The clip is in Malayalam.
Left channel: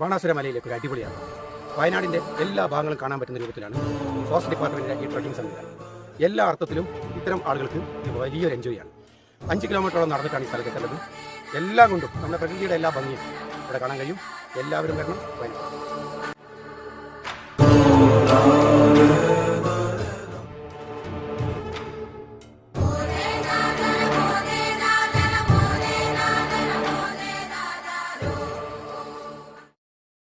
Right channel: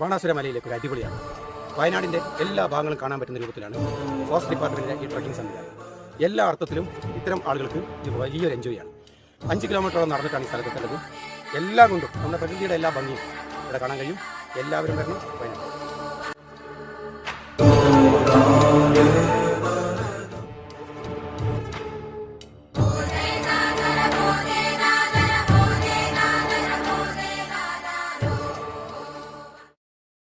ബാണാസുര മലയിലേക്ക് ഒരു അടിപൊളിയാണ്. വയനാടിന്റെ എല്ലാ ഭാഗങ്ങളും കാണാൻ പറ്റുന്ന രൂപത്തിലാണ് ഫോറസ്റ്റ് ഡിപ്പാർട്ട്മെന്റിന്റെ ഈ ട്രക്കിംഗ് സംവിധാനം എല്ലാ അർത്ഥത്തിലും ഇത്തരം ആളുകൾക്ക് ഇത് വലിയൊരു എൻജോയ് ആണ്. അഞ്ച് കിലോമീറ്ററോളം നടന്നിട്ടാണ് ഈ സ്ഥലത്തെത്തേണ്ടത് എല്ലാം കൊണ്ടും നമ്മുടെ പ്രകൃതിയുടെ എല്ലാ ഭംഗിയും ഇവിടെ കാണാൻ കഴിയും. എല്ലാവരും വരണം. വയനാട്.